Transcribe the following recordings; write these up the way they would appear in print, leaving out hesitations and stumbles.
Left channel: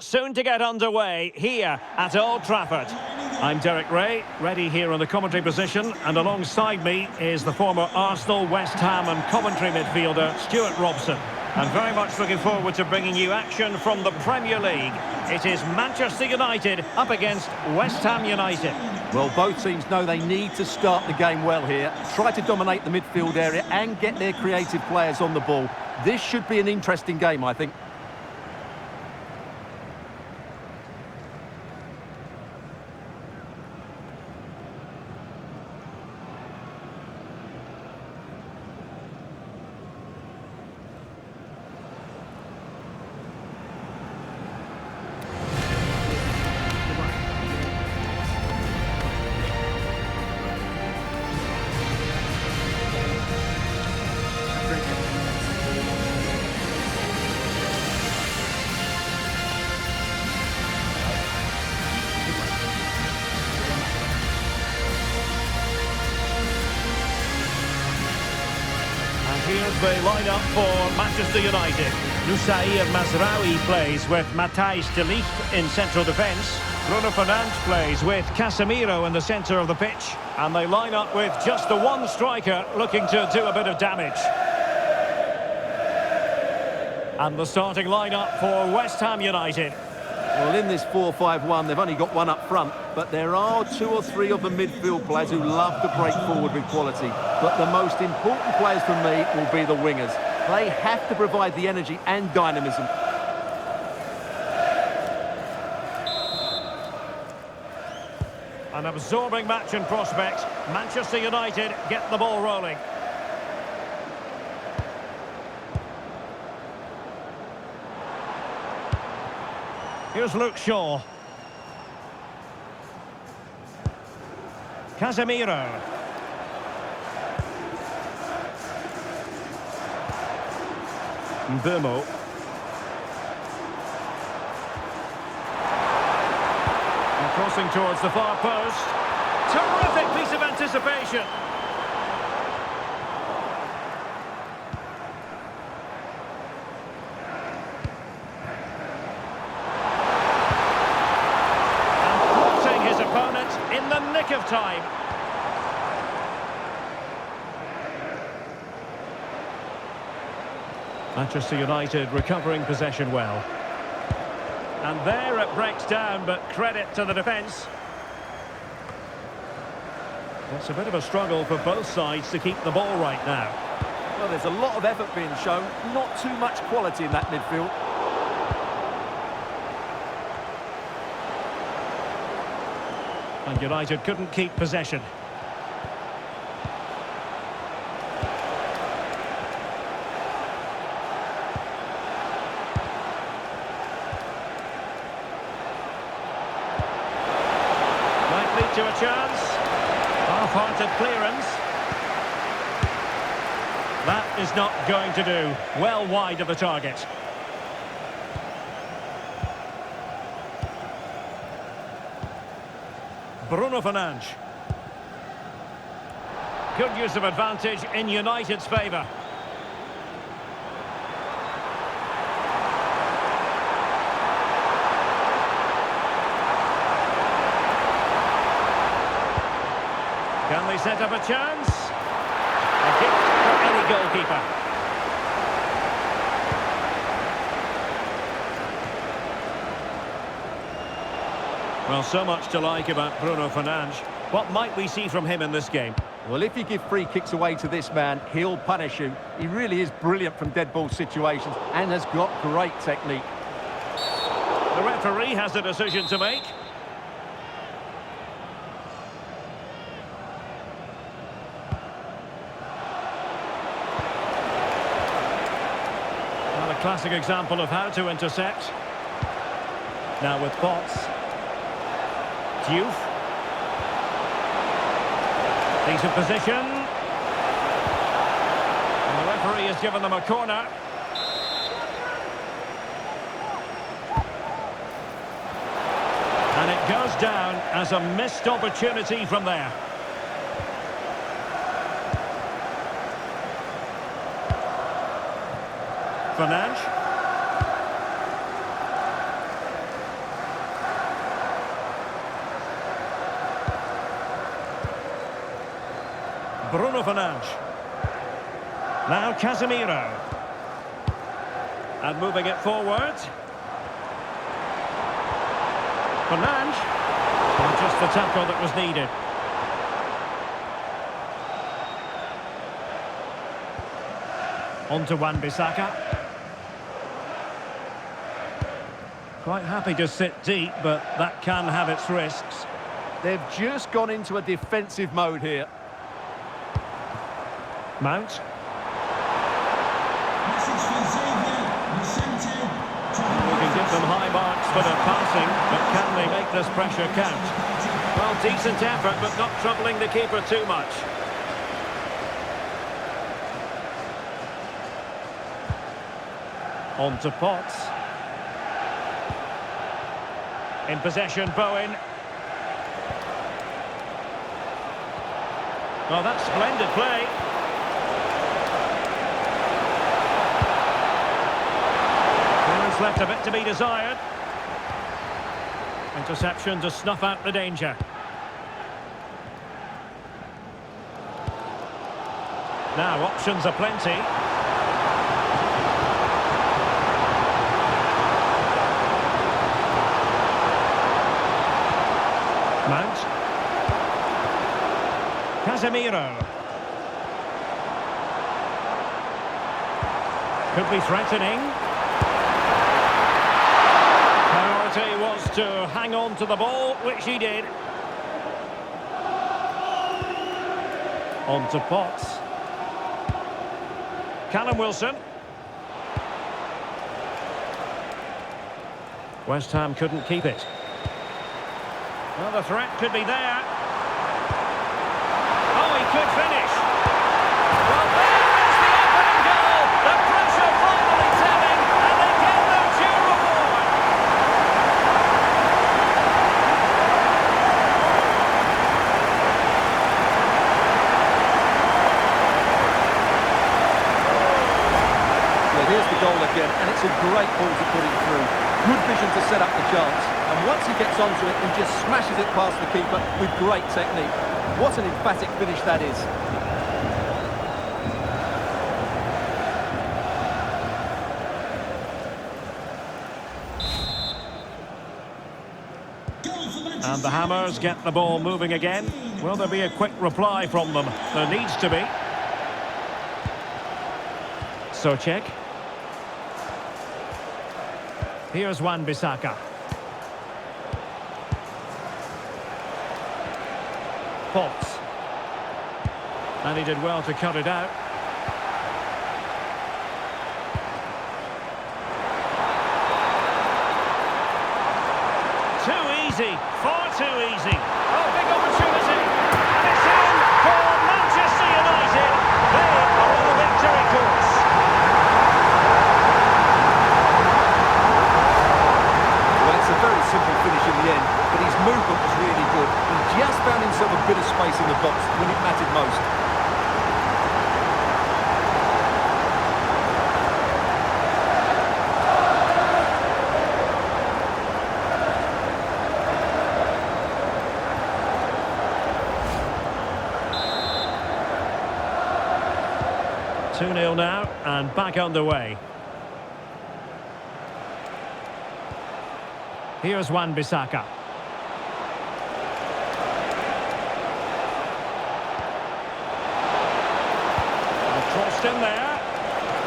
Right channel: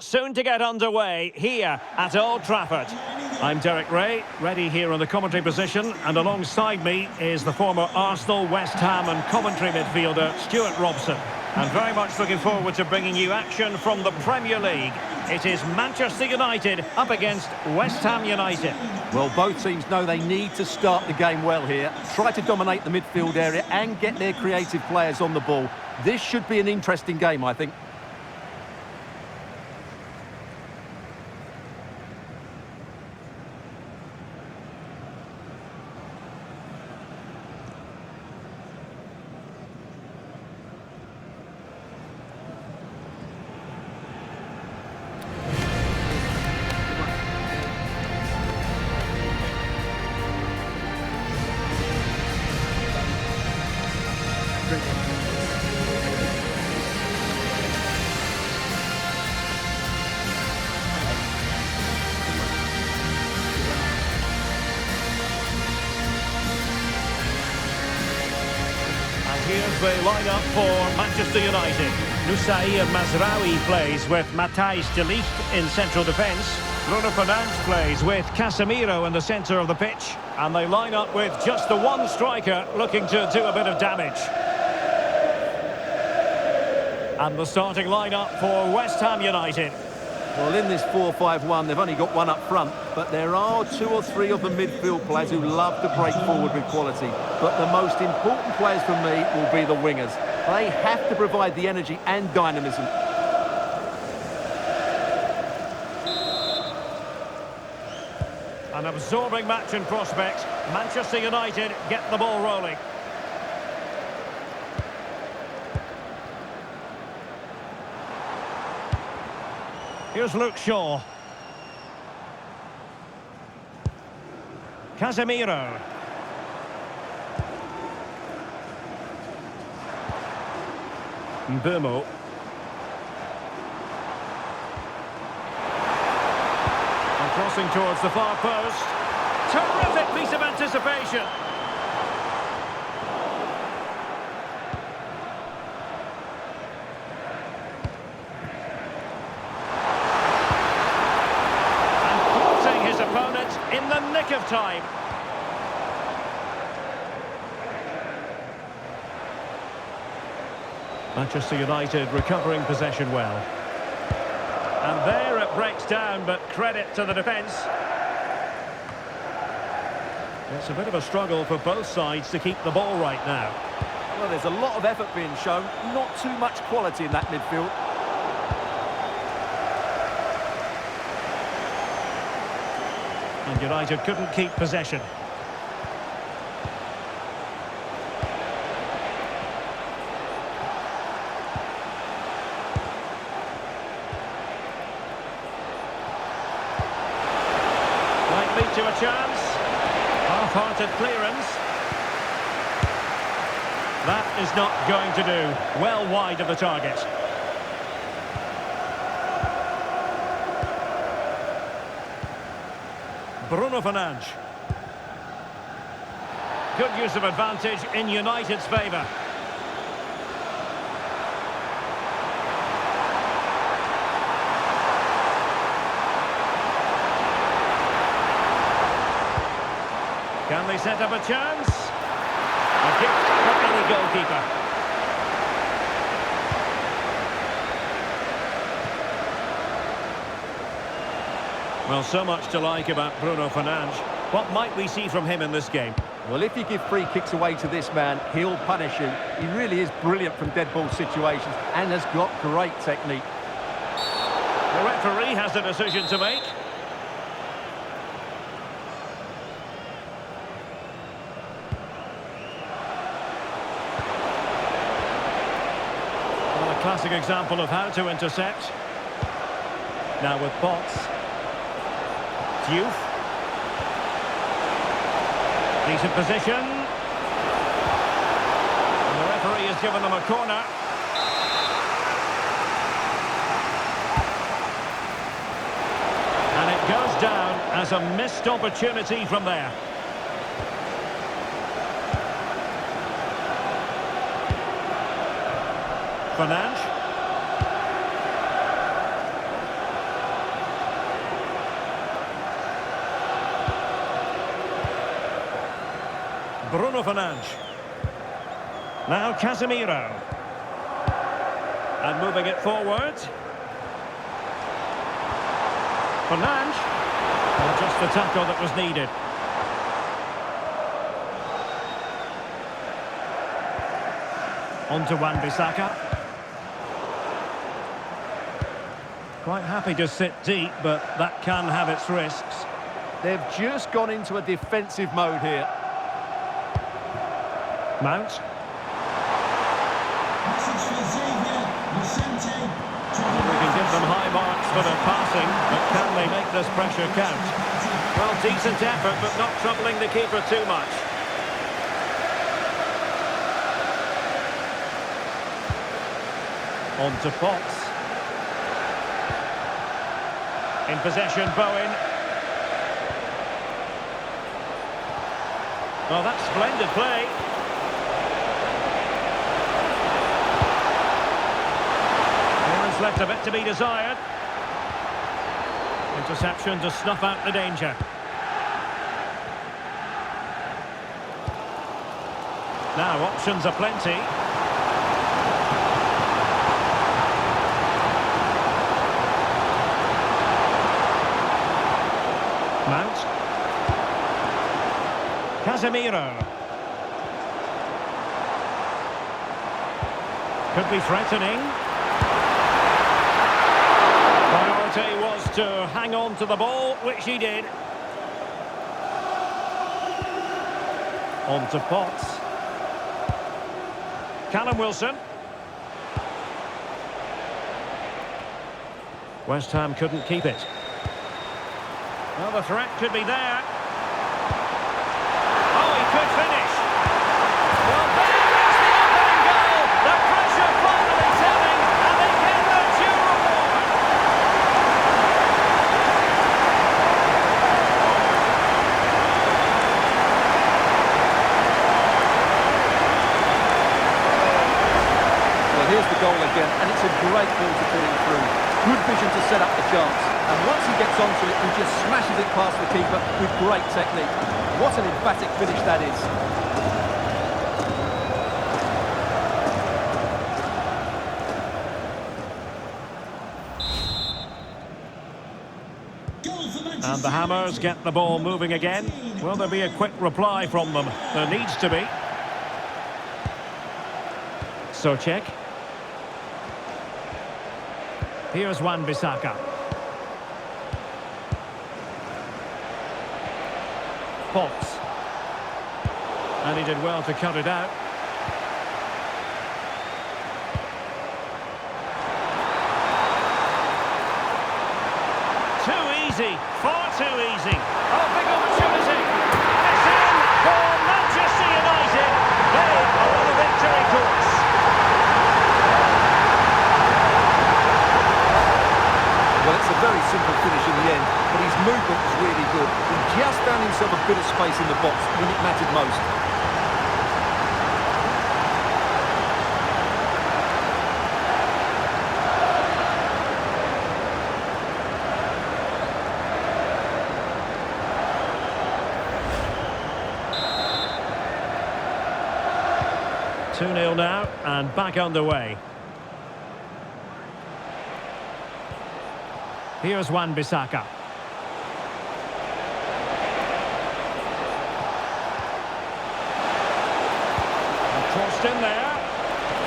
Soon to get underway here at Old Trafford. I'm Derek Ray, ready here on the commentary position, and alongside me is the former Arsenal, West Ham and Coventry midfielder Stuart Robson. And very much looking forward to bringing you action from the Premier League. It is Manchester United up against West Ham United. Well, both teams know they need to start the game well here, try to dominate the midfield area and get their creative players on the ball. This should be an interesting game, I think. And here's the lineup for Manchester United. Nusair Mazraoui plays with Matthijs de Ligt in central defence. Bruno Fernandes plays with Casemiro in the centre of the pitch. And they line up with just the one striker looking to do a bit of damage. And the starting lineup for West Ham United. Well, in this 4-5-1, they've only got one up front, but there are two or three of the midfield players who love to break forward with quality. But the most important players for me will be the wingers. They have to provide the energy and dynamism. An absorbing match in prospect. Manchester United get the ball rolling. Here's Luke Shaw. Casemiro. Mbeumo. And crossing towards the far post. Terrific piece of anticipation. His opponent in the nick of time. Manchester United recovering possession well. And there it breaks down, but credit to the defence. It's a bit of a struggle for both sides to keep the ball right now. Well, there's a lot of effort being shown, not too much quality in that midfield. And United couldn't keep possession. Might lead to a chance. Half-hearted clearance. That is not going to do. Well wide of the target. Bruno Fernandes. Good use of advantage in United's favour. Can they set up a chance? A gift for any goalkeeper. Well, so much to like about Bruno Fernandes. What might we see from him in this game? Well, if you give free kicks away to this man, he'll punish you. He really is brilliant from dead ball situations and has got great technique. The referee has a decision to make. Well, a classic example of how to intercept. Now with Potts. Diouf. Decent position. And the referee has given them a corner. And it goes down as a missed opportunity from there. Fernandes. Bruno Fernandes. Now Casemiro. And moving it forward. Fernandes. Well, just the tackle that was needed. On to Wan-Bissaka. Quite happy to sit deep, but that can have its risks. They've just gone into a defensive mode here. Mount. We can give them high marks for their passing, but can they make this pressure count? Well, decent effort, but not troubling the keeper too much. On to Potts. In possession, Bowen. Oh, that's splendid play. Clearance left a bit to be desired. Interception to snuff out the danger. Now, options are plenty. Mount. Casemiro. Could be threatening. Priority was to hang on to the ball, which he did. On to Potts. Callum Wilson. West Ham couldn't keep it. Well, the threat could be there. Oh, he could finish. Well, there is the opening goal. The pressure finally telling, and they get their due reward. Well, here's the goal again, and it's a great ball to put him through. Good vision to set up the chance. And once he gets onto it, he just smashes it past the keeper with great technique. What an emphatic finish that is. And the Hammers get the ball moving again. Will there be a quick reply from them? There needs to be. Souček. Here's Wan-Bissaka. Potts. And he did well to cut it out. Too easy, far too easy. Oh, big opportunity. And it's in for Manchester United. They are on a victory course. Well, it's a very simple finish in the end, but his movement was really good. He just found himself a bit of space in the box when it mattered most. Two 2-0 now, and back underway. Here's Wan-Bissaka. And crossed in there.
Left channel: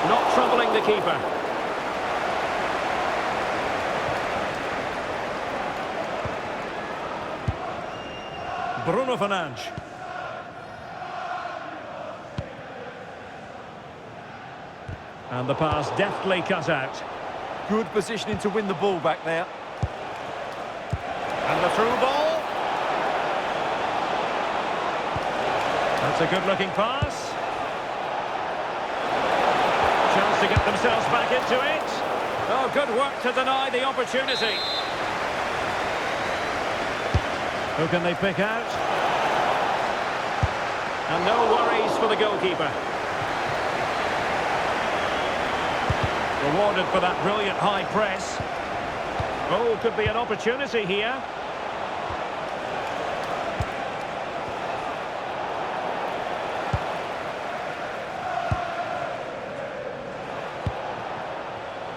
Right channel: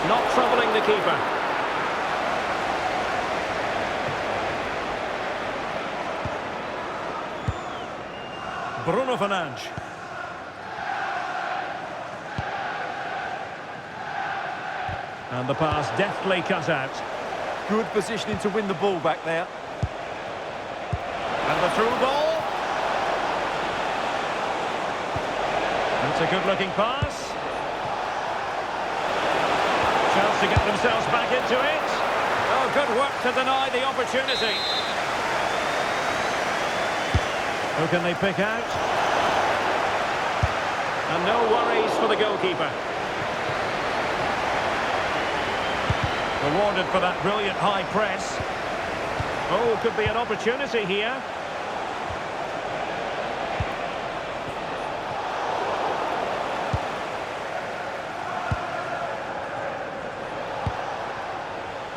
Not troubling the keeper. Bruno Fernandes. And the pass deftly cut out. Good positioning to win the ball back there. And the through ball. That's a good-looking pass. Chance to get themselves back into it. Oh, good work to deny the opportunity. Who can they pick out? And no worries for the goalkeeper. Rewarded for that brilliant high press. Oh, could be an opportunity here.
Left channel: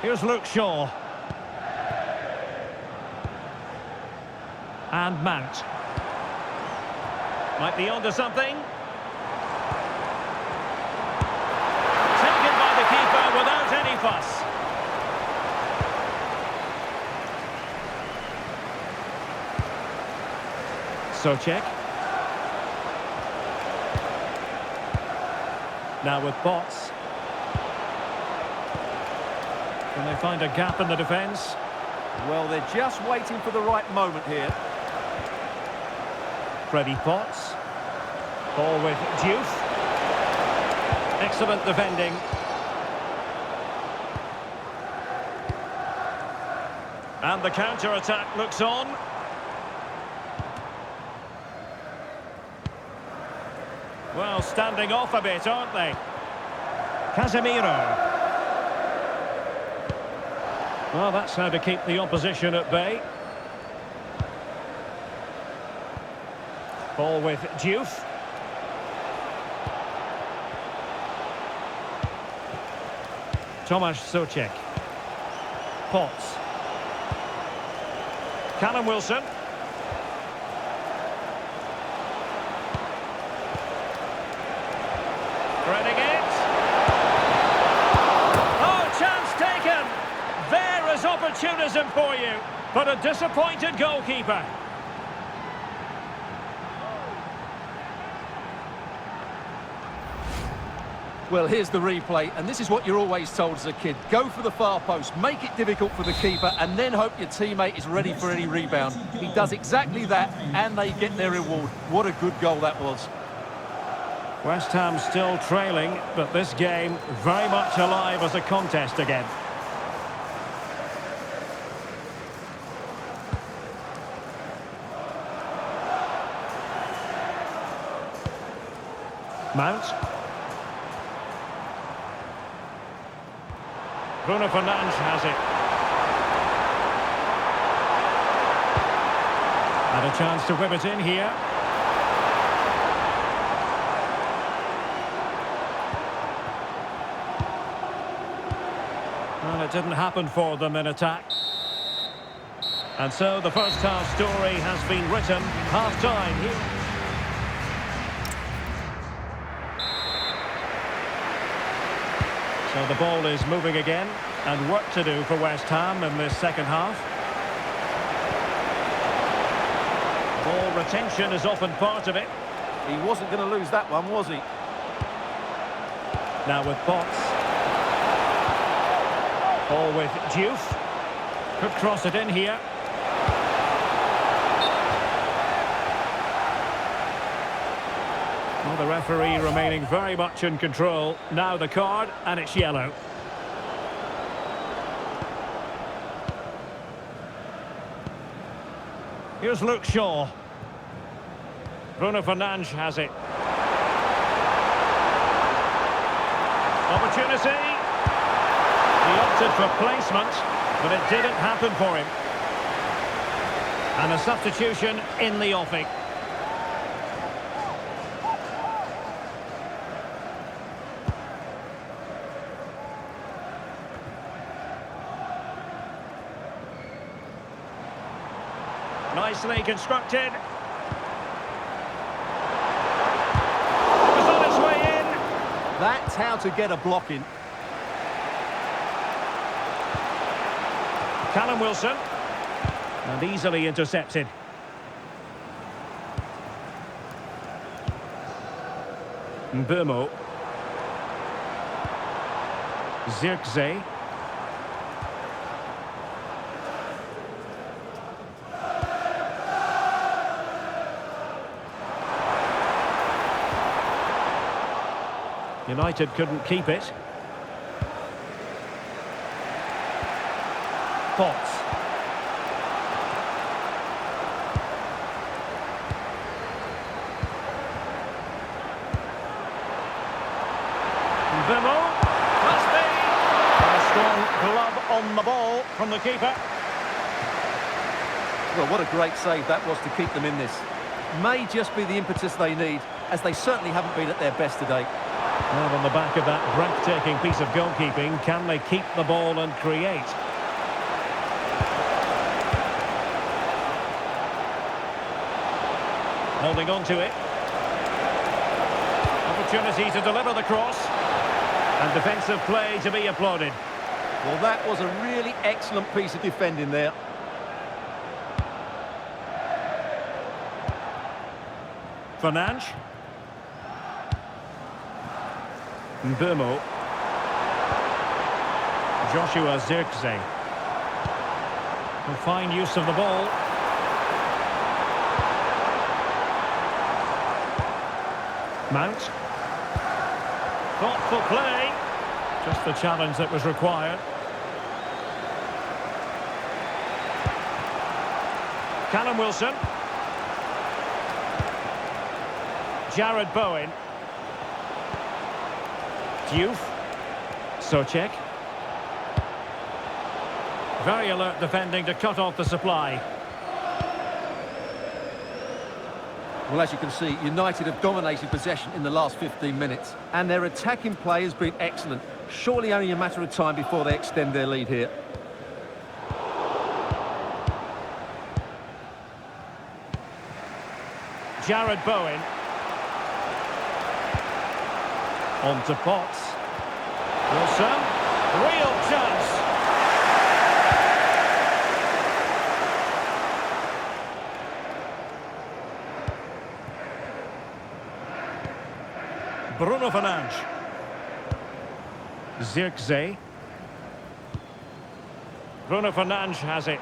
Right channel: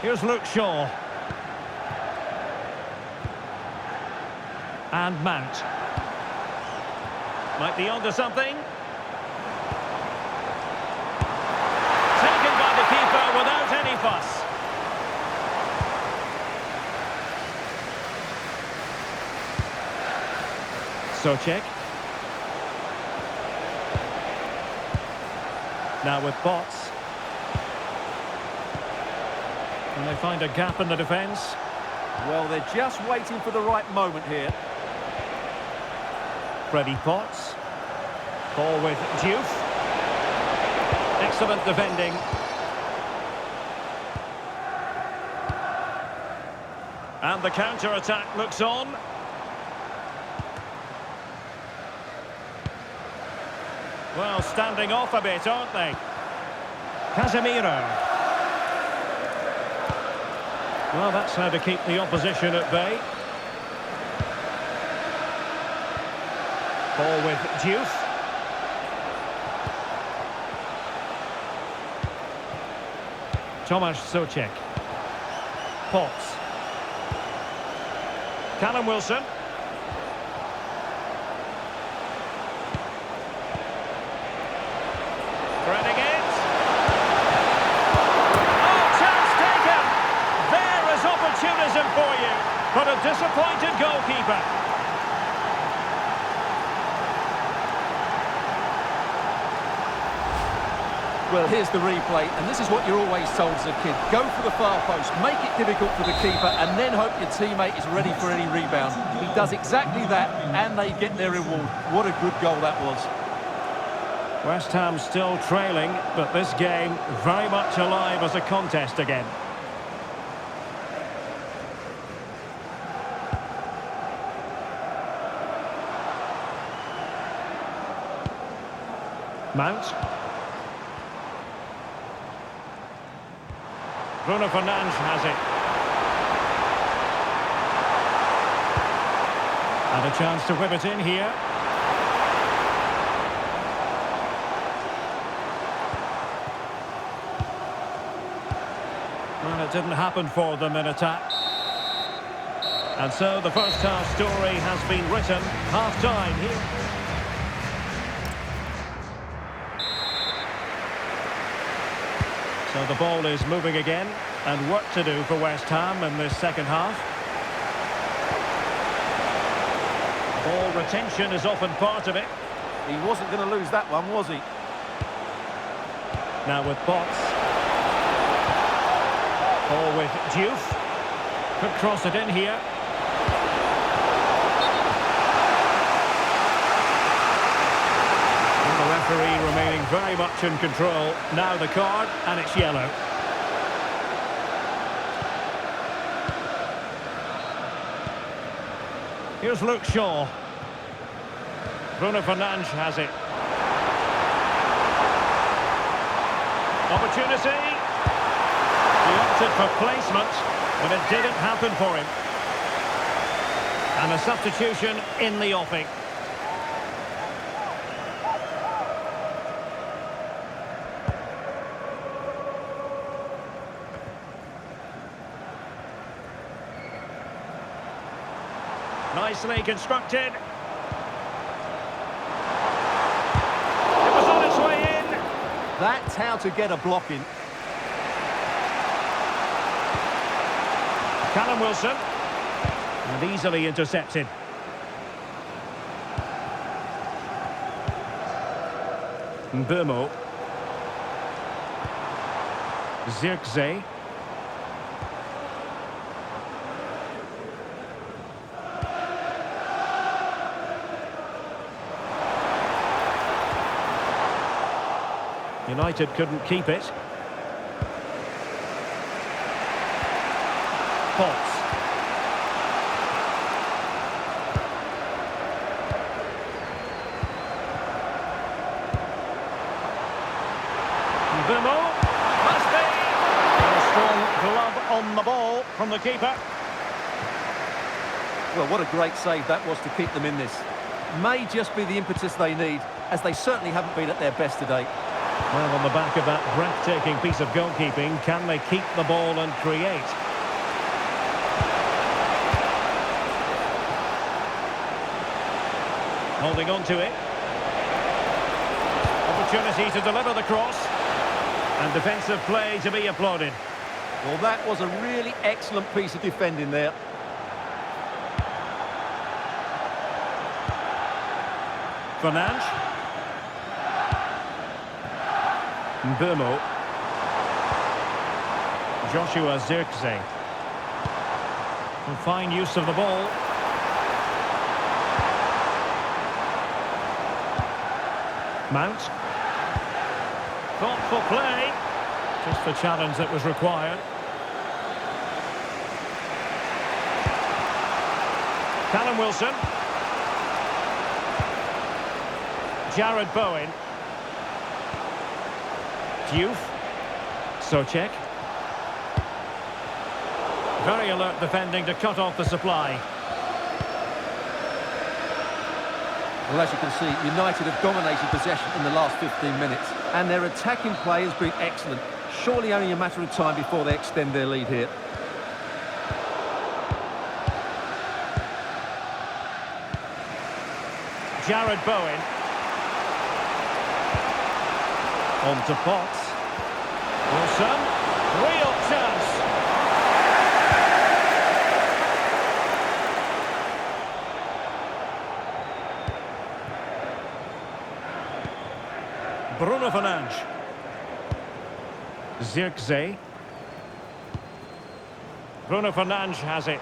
Here's Luke Shaw. And Mount. Might be onto something. Taken by the keeper without any fuss. Socek. Now with Bots. Can they find a gap in the defence? Well, they're just waiting for the right moment here. Freddie Potts. Ball with Diouf. Excellent defending. And the counter-attack looks on. Well, standing off a bit, aren't they? Casemiro. Well, that's how to keep the opposition at bay. Ball with Diouf. Tomasz Socek. Potts. Callum Wilson. Threading it. Oh, chance taken. There is opportunism for you, but a disappointed goalkeeper. Well, here's the replay, and this is what you're always told as a kid. Go for the far post, make it difficult for the keeper, and then hope your teammate is ready for any rebound. He does exactly that, and they get their reward. What a good goal that was. West Ham still trailing, but this game very much alive as a contest again. Mount. Bruno Fernandes has it. And a chance to whip it in here. Well, it didn't happen for them in attack. And so the first half story has been written. Half-time here. So the ball is moving again, and work to do for West Ham in this second half. Ball retention is often part of it. He wasn't going to lose that one, was he? Now with Bots. Ball with Diouf. Could cross it in here. Well, the referee remaining very much in control. Now the card, and it's yellow. Here's Luke Shaw. Bruno Fernandes has it. Opportunity. He opted for placement, but it didn't happen for him. And a substitution in the offing. Nicely constructed. It was on its way in. That's how to get a block in. Callum Wilson. And easily intercepted. Mbeumo. Zirkzee. United couldn't keep it. Potts. Mbeumo. Must be. And a strong glove on the ball from the keeper. Well, what a great save that was to keep them in this. May just be the impetus they need, as they certainly haven't been at their best today. Well, on the back of that breathtaking piece of goalkeeping, can they keep the ball and create? Holding on to it. Opportunity to deliver the cross. And defensive play to be applauded. Well, that was a really excellent piece of defending there. Fernandes. Mbeumo. Joshua Zirkzee. Fine use of the ball. Mount. Thoughtful play. Just the challenge that was required. Callum Wilson. Jared Bowen. Diouf. Soucek. Very alert defending to cut off the supply. Well, as you can see, United have dominated possession in the last 15 minutes, and their attacking play has been excellent. Surely only a matter of time before they extend their lead here. Jared Bowen. On to Potts. Wilson. Real chance. Bruno Fernandes. Zirkzee. Bruno Fernandes has it.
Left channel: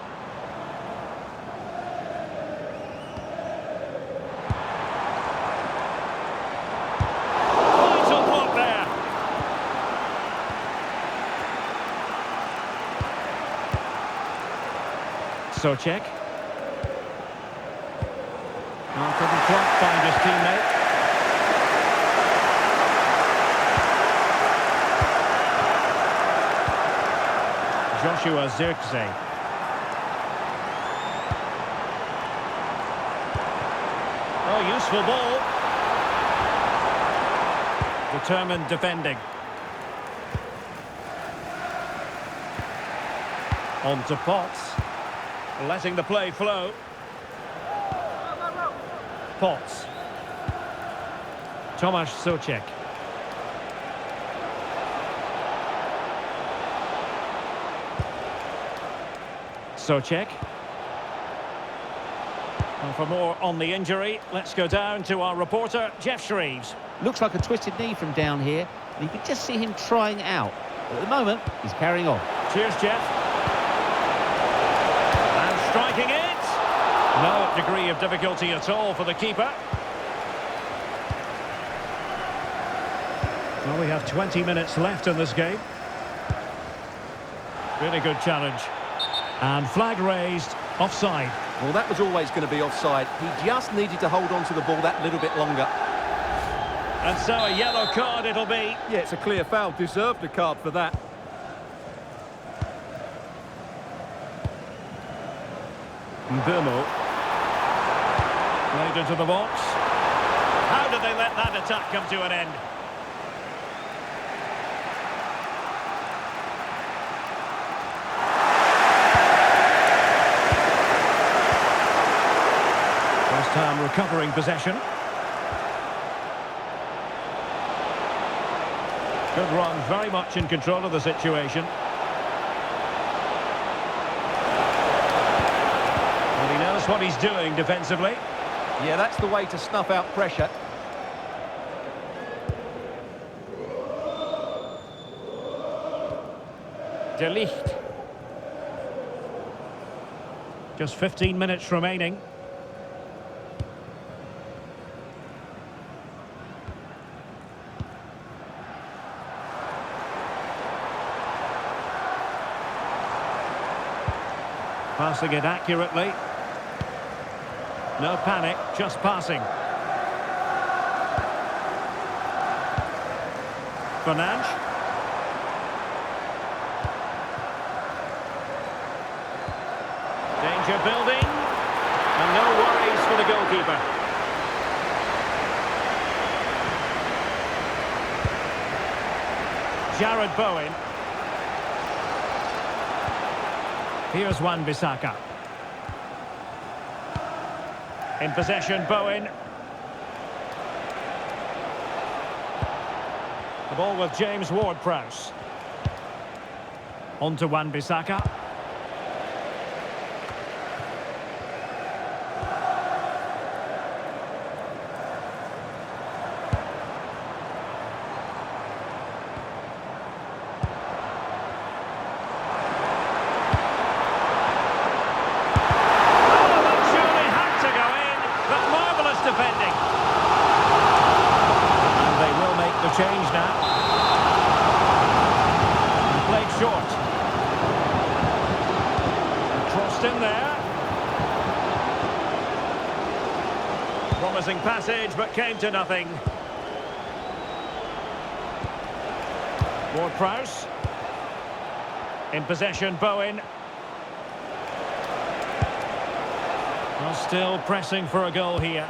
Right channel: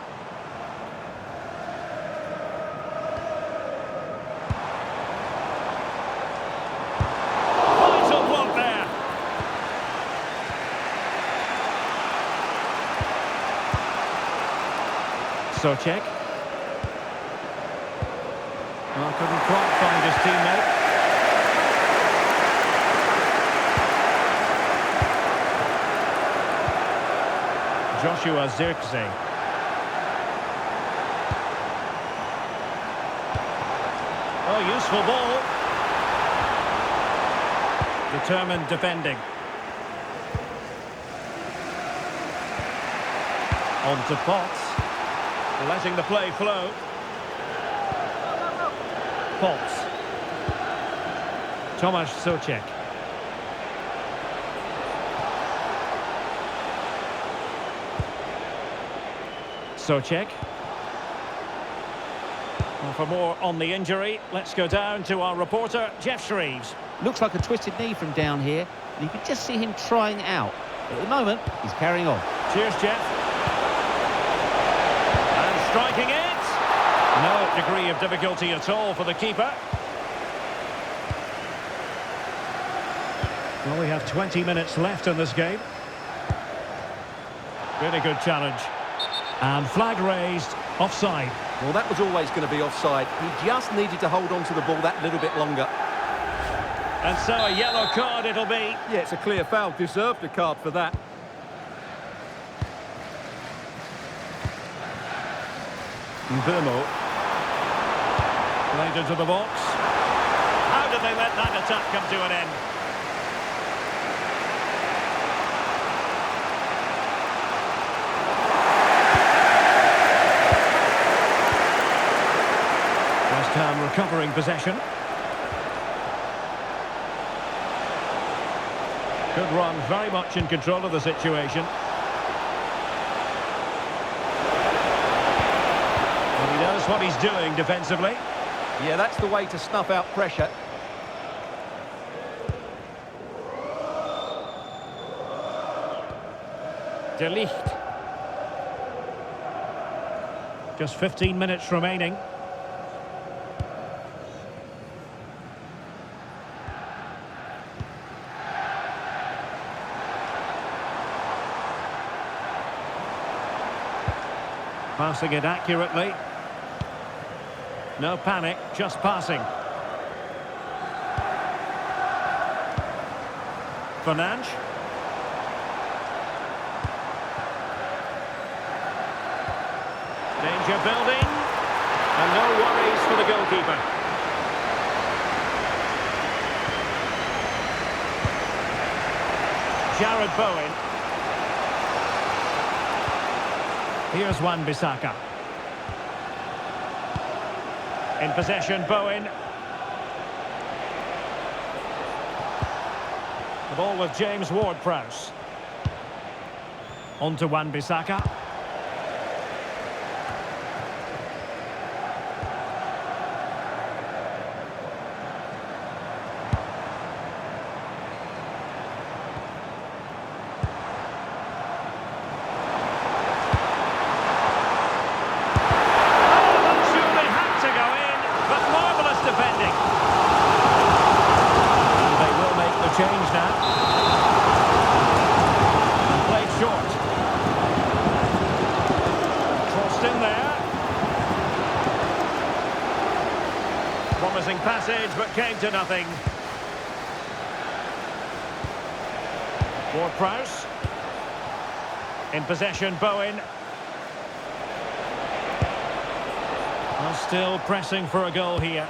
Vital block there. Soucek. Well, couldn't quite find his teammate. Joshua Zirkzee. Oh, useful ball. Determined defending. On to Potts. Letting the play flow. Potts. Tomasz Soucek. Soucek. Well, for more on the injury, let's go down to our reporter, Jeff Shreves. Looks like a twisted knee from down here, and you can just see him trying out. But at the moment, he's carrying on. Cheers, Jeff. And striking it. No degree of difficulty at all for the keeper. Well, we have 20 minutes left in this game. Really good challenge. And flag raised, offside. Well, that was always going to be offside. He just needed to hold on to the ball that little bit longer. And so a yellow card it'll be. Yeah, it's a clear foul. Deserved a card for that. Mbeumo. Played into the box. How did they let that attack come to an end? West Ham recovering possession. Good run, very much in control of the situation. And he knows what he's doing defensively. Yeah, that's the way to snuff out pressure. De Ligt. Just 15 minutes remaining. Passing it accurately. No panic, just passing. Fernandes. Danger building. And no worries for the goalkeeper. Jared Bowen. Here's Wan-Bissaka. In possession, Bowen. The ball with James Ward-Prowse. On to Wan-Bissaka. Defending. And they will make the change now. And played short. And crossed in there. Promising passage, but came to nothing. Ward-Prowse. In possession, Bowen. Well, still pressing for a goal here.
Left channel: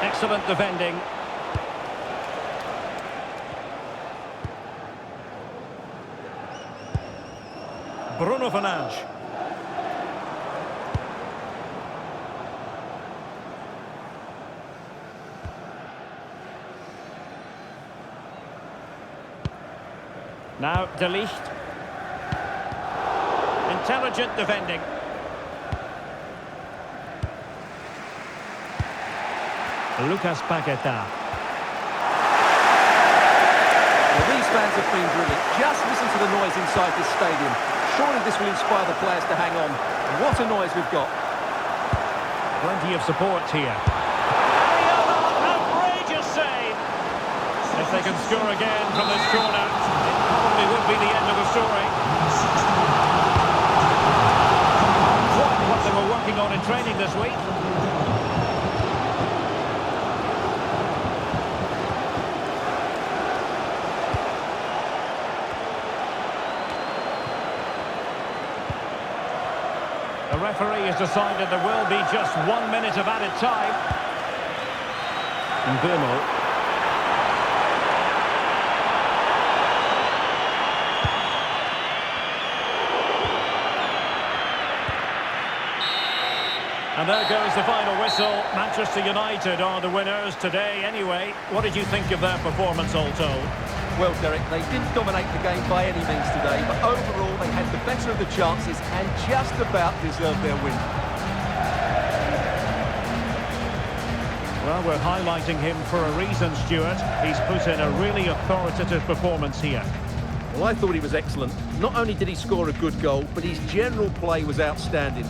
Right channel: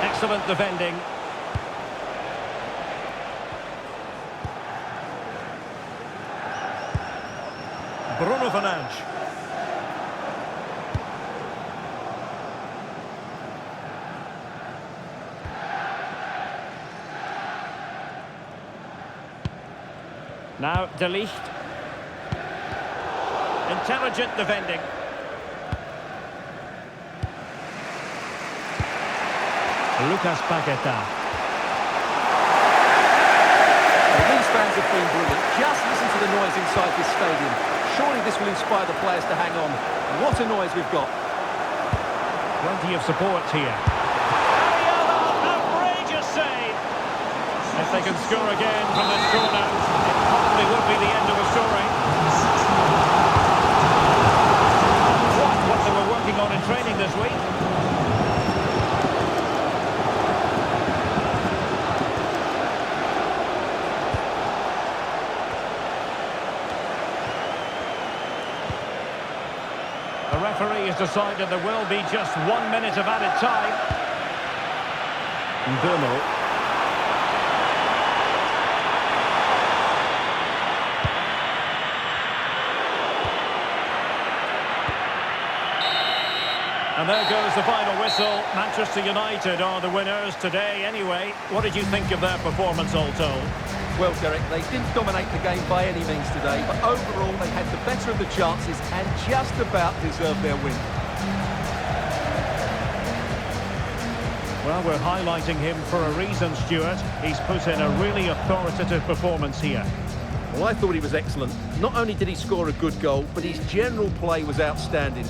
Excellent defending. Bruno Fernandes. Now De Ligt. Intelligent defending. Lucas Paqueta. Well, these fans have been brilliant. Just listen to the noise inside this stadium. Surely this will inspire the players to hang on. What a noise we've got. Plenty of support here. Ariola, outrageous save. If they can score again from this corner, it probably would be the end of the story. Quite what they were working on in training this week. The referee has decided there will be just 1 minute of added time. Mbeumo. And there goes the final whistle. Manchester United are the winners today anyway. What did you think of their performance all told? Well, Derek, they didn't dominate the game by any means today, but overall they had the better of the chances and just about deserved their win. Well, we're highlighting him for a reason, Stuart. He's put in a really authoritative performance here. Well, I thought he was excellent. Not only did he score a good goal, but his general play was outstanding.